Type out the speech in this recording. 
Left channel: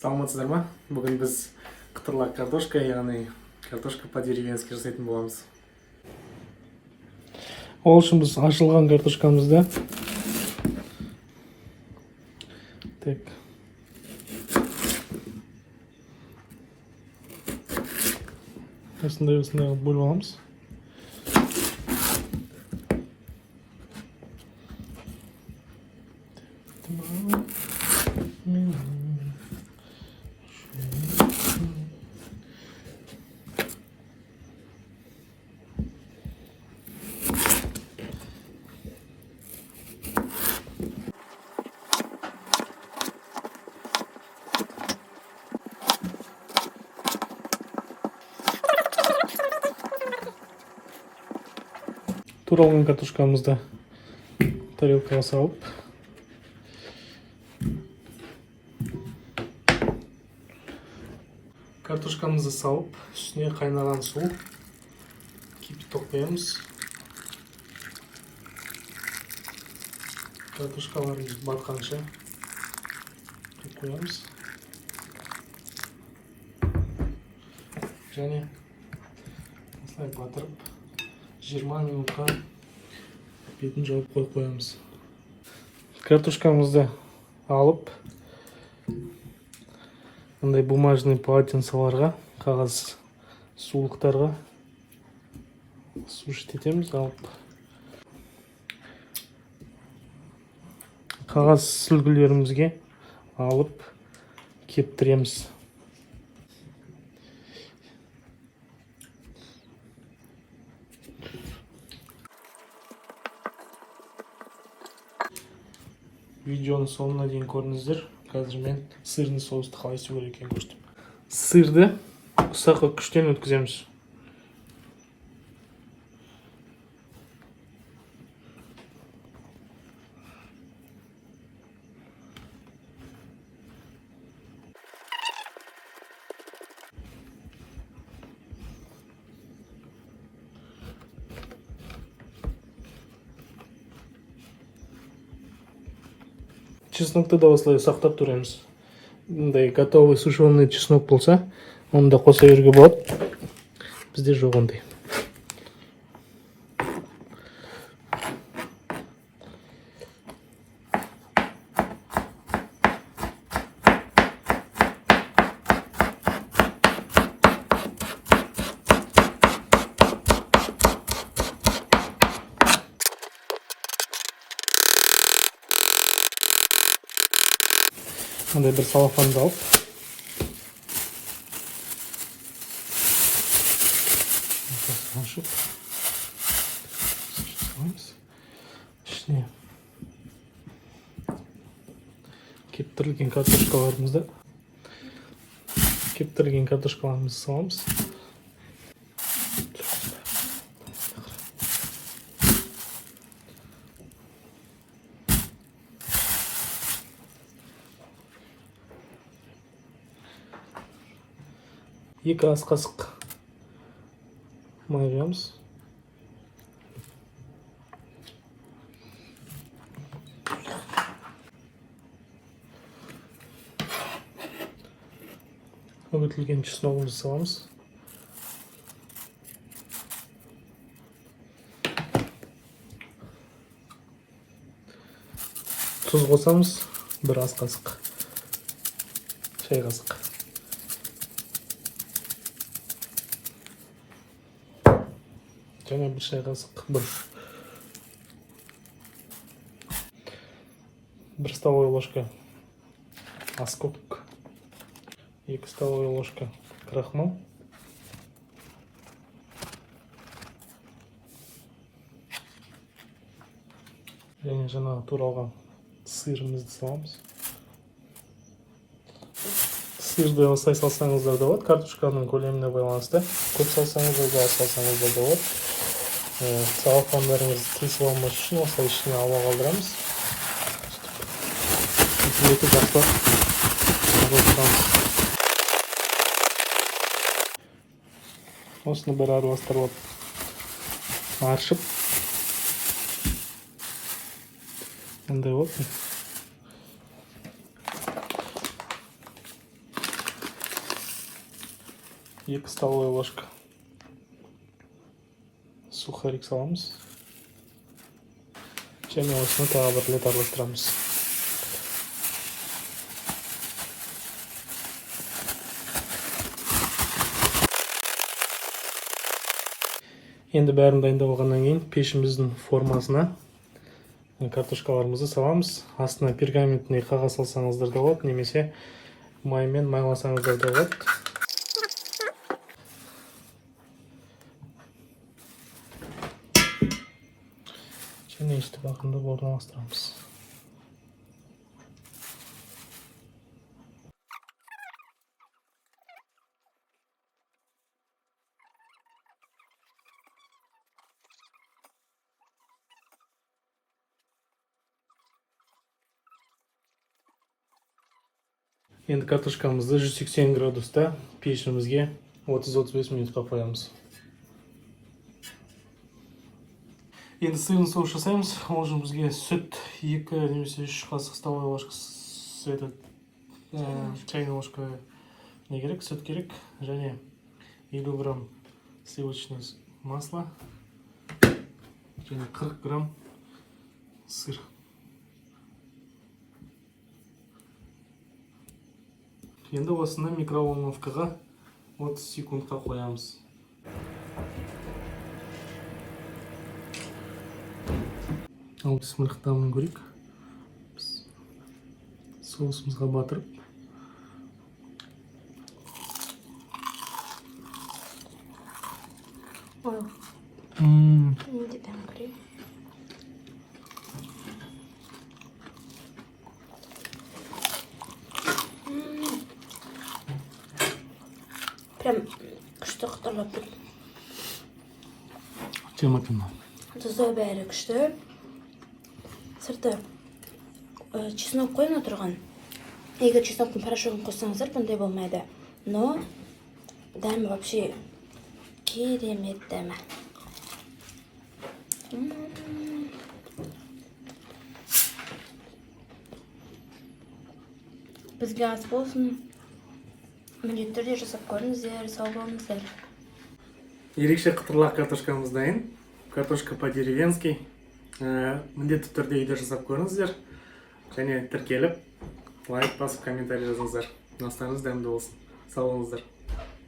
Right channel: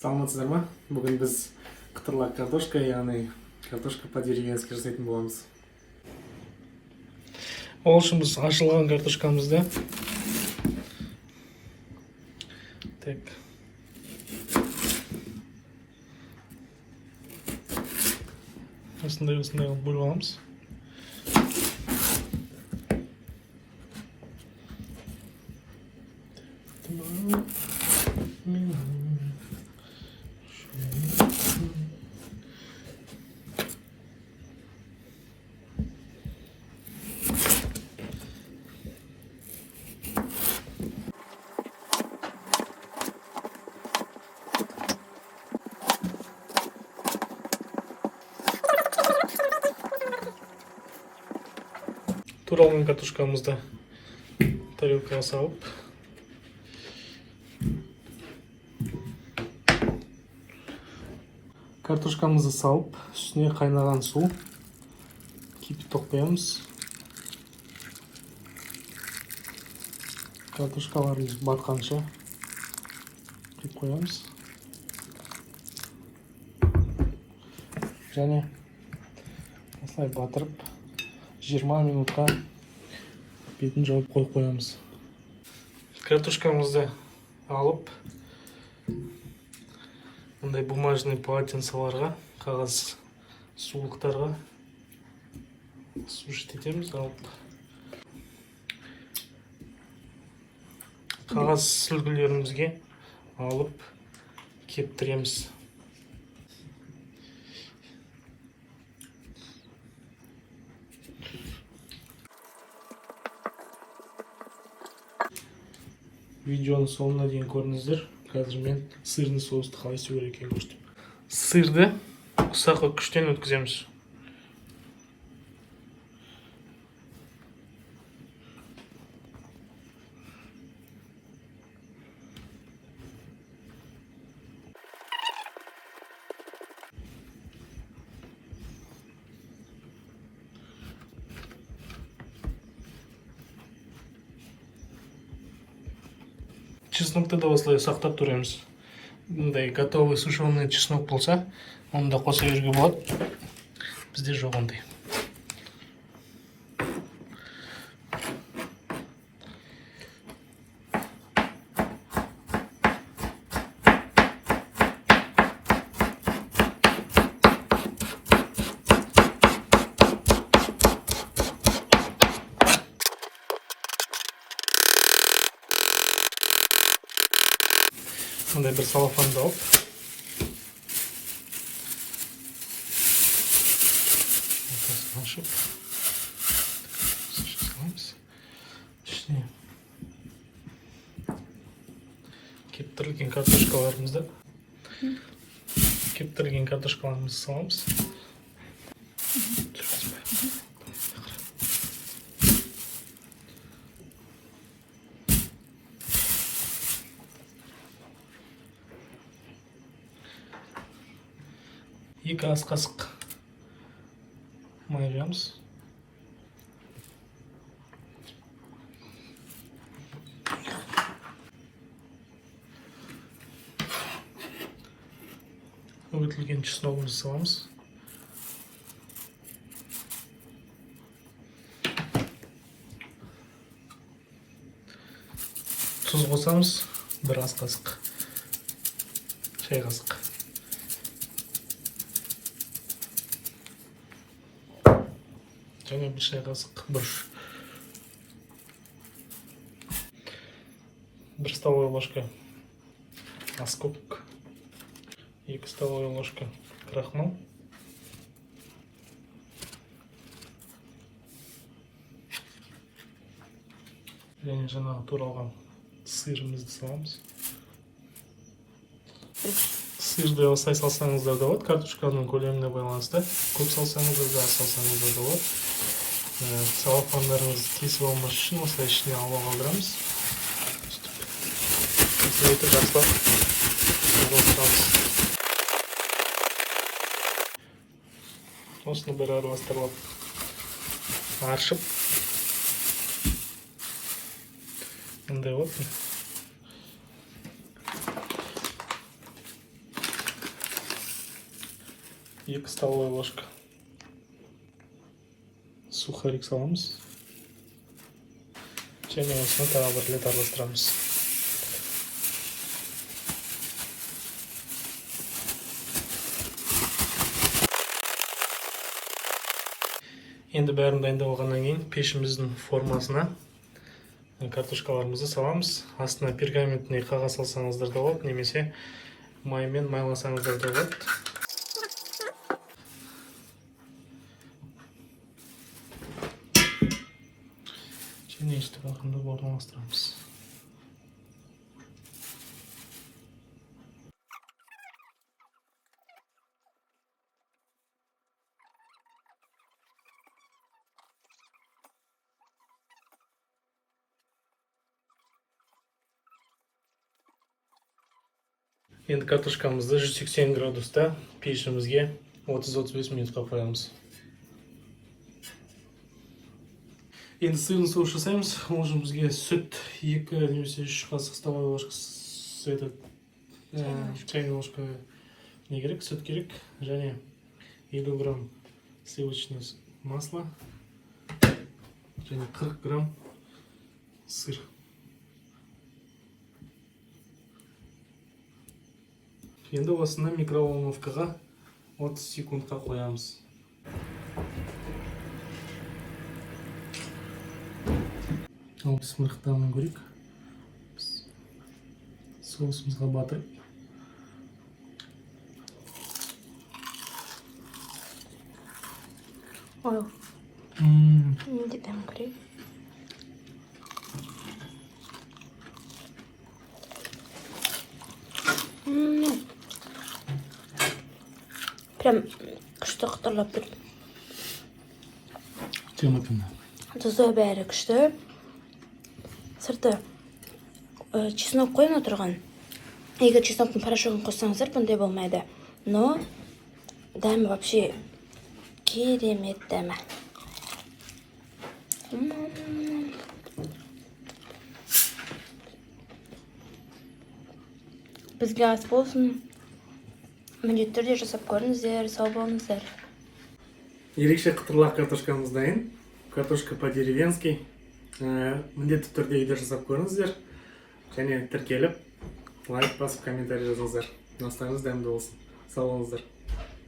Саламатсыздар ма? Бүгін біз ктырлак картошка, яғни картошка по-деревенски жасайтын боламыз. Ол үшін біз ашылған картошкамызды так осындай қылып бөліп аламыз. Туралған картошкамызды тарелкаға салып, картошкамызды салып, үстіне қайнаған су кипяток қоямыз. Картошкаларымыз батқанша құйып қоямыз. Және осылай батырып 20 минутқа бетін жауып қойып қоямыз. Картошкамызды алып, мындай бумажный полотенцеларға, қағаз сулықтарға сушить етеміз. Алып, қағаз сүлгілерімізге алып кептіреміз. Видеоны соңына дейін көріңіздер. Қазір мен сырный соусты қалай істеу керек екенін көрсетейін. Сырды ұсақ күштен өткіземіз. Чеснокты да осылай сақтап тұрамыз. Бұндай готовый сушеный чеснок болса, оны да қоса беруге болады. Бізде жоқ ондай. Мындай бір салафанды алып, ашып, ішіне кептірілген картошкаларымызды саламыз. Екі ас қасық май құямыз. Үгітілген чесногымызды саламыз. Тұз қосамыз, бір ас қасық, шай қасық. Жаңа бір шай қасық бұрыш. Бір столовая ложка аскөк. 2 столовая ложка крахмал. Және жаңа туралған сырымызды саламыз. Сырды осылай салсаңыздар да болады. Картошканың көлеміне байланысты. Көп салсаңыздар да, аз салсаңыздар да болады. Салафандарыңызды тесіп алмас үшін осылай ішіне ауа қалдырамыз. Осыны бір араластырып ашып, мындай болады. 2 столовая ложка сухарик саламыз. Және осыны тағы бір рет араластырамыз. Енді бәрін дайындап алғаннан кейін пешіміздің формасына картошкаларымызды саламыз. Астына пергаментный қағаз салсаңыздар да болады, немесе маймен майласаңыздар да болады. Және есті бағында орналастырамыз. Енді картошкамызды 180 градуста пешімізге 30-35 минутқа қоямыз. Енді сырын соус жасаймыз. Ол үшін бізге сүт 2 немесе 3 қасық столовая ложка чайная ложка не керек, сүт керек, және 50 грамм сливочное масло, және 40 грамм сыр. Енді осыны микроволновкаға 30 секундқа қоямыз. Ал смырықтауын көрейік. Соусымызға батырып. Ой. Не дедам көрейік. Прям күшті қытырлап тұр. Тематына. Тұзы бәрі күшті. Сырты чеснок қойын отырған. Егер чесноктың порошогын қоссаңыздар, бұндай болмайды. Но дәмі вообще керемет дәмі. Бізге ас болсын. Міндетті түрде жасап көріңіздер, сау болыңыздар. Ерекше қытырлақ картошкамыз дайын. Картошка по-деревенски. Міндетті түрде үйде жасап көріңіздер. Және тіркеліп, лайк басып, комментарий жазыңыздар. Настарыңыз дәмді болсын. Сау болыңыздар.